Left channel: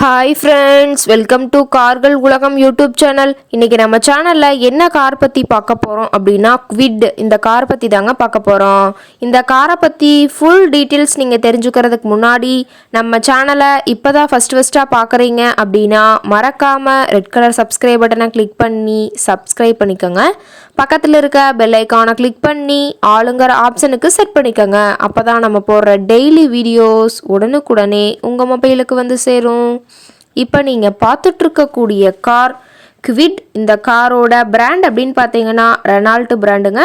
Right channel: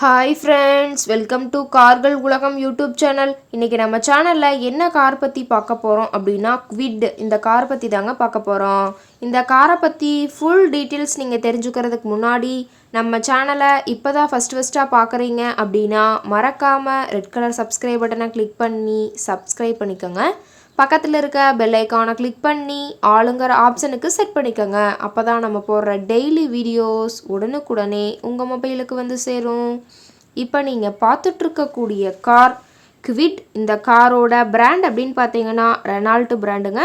Hi friends, welcome to கார்கள் உலகம் YouTube channel. இன்றைக்கி நம்ம சேனலில் என்ன கார் பற்றி பார்க்க போகிறோம் அப்படின்னா குவிட் இந்த கார் பற்றி தாங்க பார்க்க போகிறோம். இந்த காரை பற்றி ஃபுல் டீட்டெயில்ஸ் நீங்கள் தெரிஞ்சுக்கிறதுக்கு முன்னாடி நம்ம சேனலை இப்போ தான் ஃபஸ்ட்டாக பார்க்குறீங்க அப்படின்னா மறக்காமல் ரெட் கலர் சப்ஸ்கிரைப் பட்டனை கிளிக் பண்ணி சப்ஸ்கிரைப் பண்ணிக்கோங்க. பக்கத்தில் இருக்க பெல் ஐக்கானை கிளிக் பண்ணி ஆளுங்கிற ஆப்ஷனுக்கு செட் பண்ணிக்கோங்க. அப்போ தான் நம்ம போடுற டெய்லி வீடியோஸ் உடனுக்குடனே உங்கள் மொபைலுக்கு வந்து சேரும். இப்போ நீங்கள் பார்த்துட்ருக்கக்கூடிய கார் குவிட். இந்த காரோட பிராண்ட் அப்படின்னு பார்த்தீங்கன்னா ரெனால்ட் பிராண்டுங்க.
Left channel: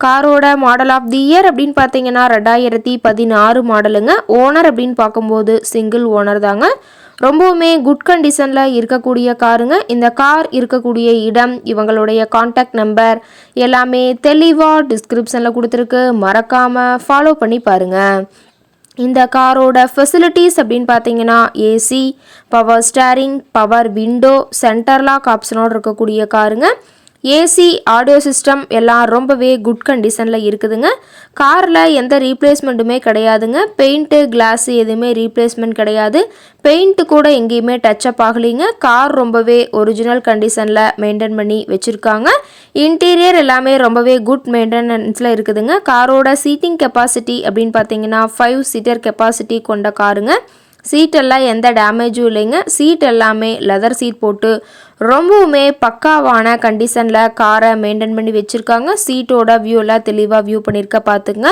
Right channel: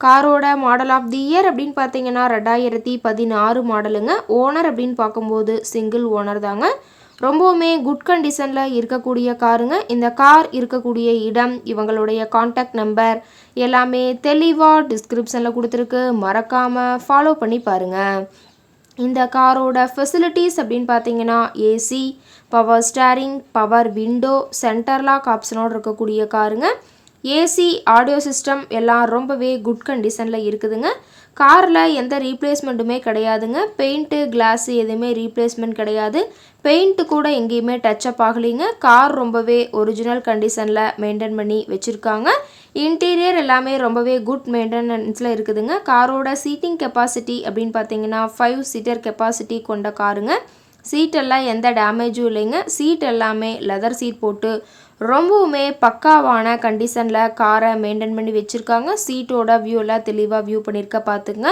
காரோட மாடல் ஆஃப் தி இயர் அப்படின்னு பார்த்தீங்கன்னா 2016 மாடலுங்க. ஓனர் அப்படின்னு பார்க்கும்போது சிங்கிள் ஓனர் தாங்க. ரொம்பவுமே குட் கண்டிஷனில் இருக்கக்கூடிய காருங்க. இந்த கார் இருக்கக்கூடிய இடம், இவங்களுடைய காண்டாக்ட் நம்பர் எல்லாமே தெளிவாக டிஸ்கிரிப்ஷனில் கொடுத்துருக்கு. மறக்காமல் ஃபாலோ பண்ணி பாருங்கள். இந்த காரோட ஃபெசிலிட்டிஸ் அப்படின்னு பார்த்தீங்கன்னா AC, power steering, power window, center lock ஆப்ஷனோடு இருக்கக்கூடிய காருங்க. ஏசி, ஆடியோ சிஸ்டம் எல்லாம் ரொம்பவே குட் கண்டிஷனில் இருக்குதுங்க. காரில் எந்த ரீப்ளேஸ்மெண்ட்டுமே கிடையாதுங்க. பெயிண்ட்டு, கிளாஸு எதுவுமே ரீப்ளேஸ்மெண்ட் கிடையாது. பெயிண்ட்டு கூட எங்கேயுமே டச்சப் ஆகலைங்க. கார் ரொம்பவே ஒரிஜினல் கண்டிஷனில் மெயின்டைன் பண்ணி வச்சுருக்காங்க. இன்டீரியர் எல்லாமே ரொம்பவே குட் மெயின்டெனன்ஸில் இருக்குதுங்க. காரோட சீட்டிங் கெப்பாசிட்டி அப்படின்னு பார்த்தீங்கன்னா 5 சீட்டர் கெப்பாசிட்டி கொண்ட காருங்க. சீட்டெல்லாம் எந்த டேமேஜும் இல்லைங்க. சீட் எல்லாமே லெதர் சீட் போட்டு ரொம்பவுமே பக்காவான கண்டிஷனில் காரை மெயின்டைன் பண்ணி வச்சுருக்காங்க. சீட்டோட வியூ எல்லாம் தெளிவாக வியூ பண்ணியிருக்க பார்த்துங்க.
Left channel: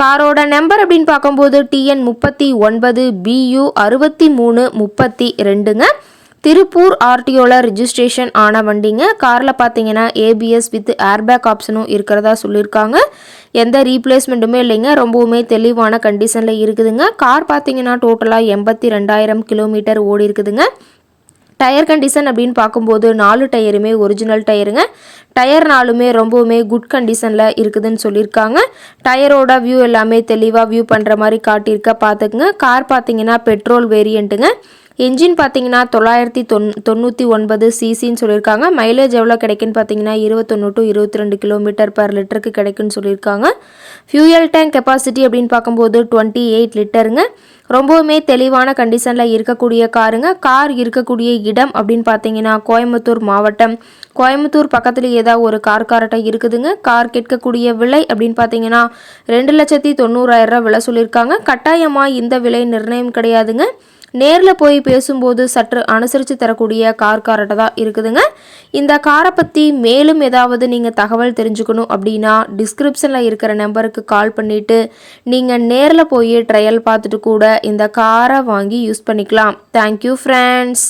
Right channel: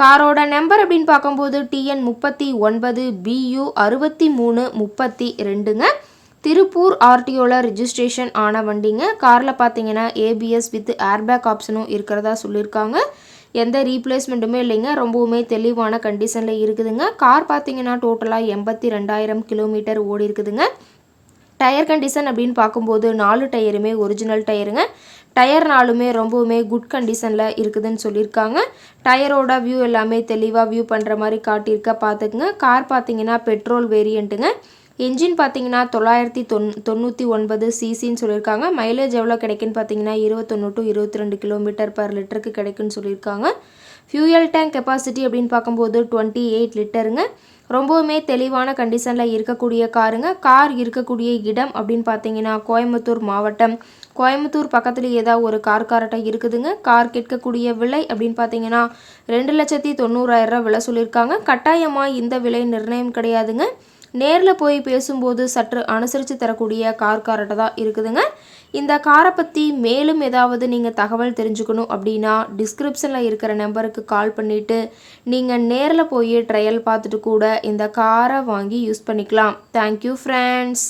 காரோட நம்பர் அப்படின்னு பார்க்கும்போது TN 39 BU 6332ங்க. திருப்பூர் RTOவில் ரிஜிஸ்ட்ரேஷன் ஆன வண்டிங்க. காரில் பார்த்தீங்கன்னா ABS வித் ஏர்பேக் ஆப்ஷனும் இருக்கிறதா சொல்லியிருக்காங்க. எந்த ரீப்ளேஸ்மெண்ட்டுமே இல்லைங்க. ரொம்பவுமே தெளிவான கண்டிஷனில் இருக்குதுங்க. கார் பார்த்தீங்கன்னா டோட்டலாக 82,000 கிலோமீட்டர் ஓடி இருக்குதுங்க. டயர் கண்டிஷன் அப்படின்னு பார்க்கும்போது 4 டயருமே ஒரிஜினல் டயருங்க. டயர் 4மே ரொம்பவுமே குட் கண்டிஷனில் இருக்குதுன்னு சொல்லியிருக்காங்க. டயரோட வியூ எல்லாமே தெளிவாக வியூ பண்ணுற மாதிரி காட்டியிருக்க பார்த்துக்குங்க. கார் பார்த்தீங்கன்னா பெட்ரோல் வேரியண்ட்டுங்க. என்ஜின் பார்த்தீங்கன்னா 999 சிசின்னு சொல்லியிருக்காங்க. மைலேஜ் எவ்வளோ கிடைக்குன்னு பார்த்தீங்கன்னா 21 to 22 கிலோமீட்டர் பர் லிட்டருக்கு கிடைக்குன்னு சொல்லியிருக்காங்க. ஃபியூயல் டேங்க் கெப்பாசிட்டி அப்படின்னு பார்க்கும்போது 28 லிட்டருங்க. ரொம்பவுமே தெளிவான கண்டிஷனில் இருக்கக்கூடிய காருங்க. கார் இருக்கக்கூடிய இடம் அப்படின்னு பார்த்தீங்கன்னா கோயம்புத்தூர் மாவட்டம். கோயம்புத்தூர் பக்கத்தில் ஏதாவது ஒரு கார்காரட்டை இருக்குதுங்க. கார் கேட்கக்கூடிய விலை அப்படின்னு பார்த்தீங்கன்னா 2,90,000 விலை சொல்லியிருக்காங்க. கட்டாயமாக இந்த விலை நிர்ணயம் கிடையாதுங்க. நேரில் போய் பேசும்போது சற்று அனுசரித்து தரக்கூடிய கார்காரட்டை தான் இருக்குதுங்க. இந்த காரை பற்றி மேலும் ஏதாவது நீங்கள் தகவல் தெரிஞ்சுக்கணும் அப்படின்னா டிஸ்கிரிப்ஷனில் இருக்கிற நம்பருக்கு கால் பண்ணிவிட்டு நீங்கள் நேரில் போய் ட்ரையல் பார்த்துட்டு கூட இந்த காரை வாங்கி யூஸ் பண்ணிக்கலாம். Thank you friends.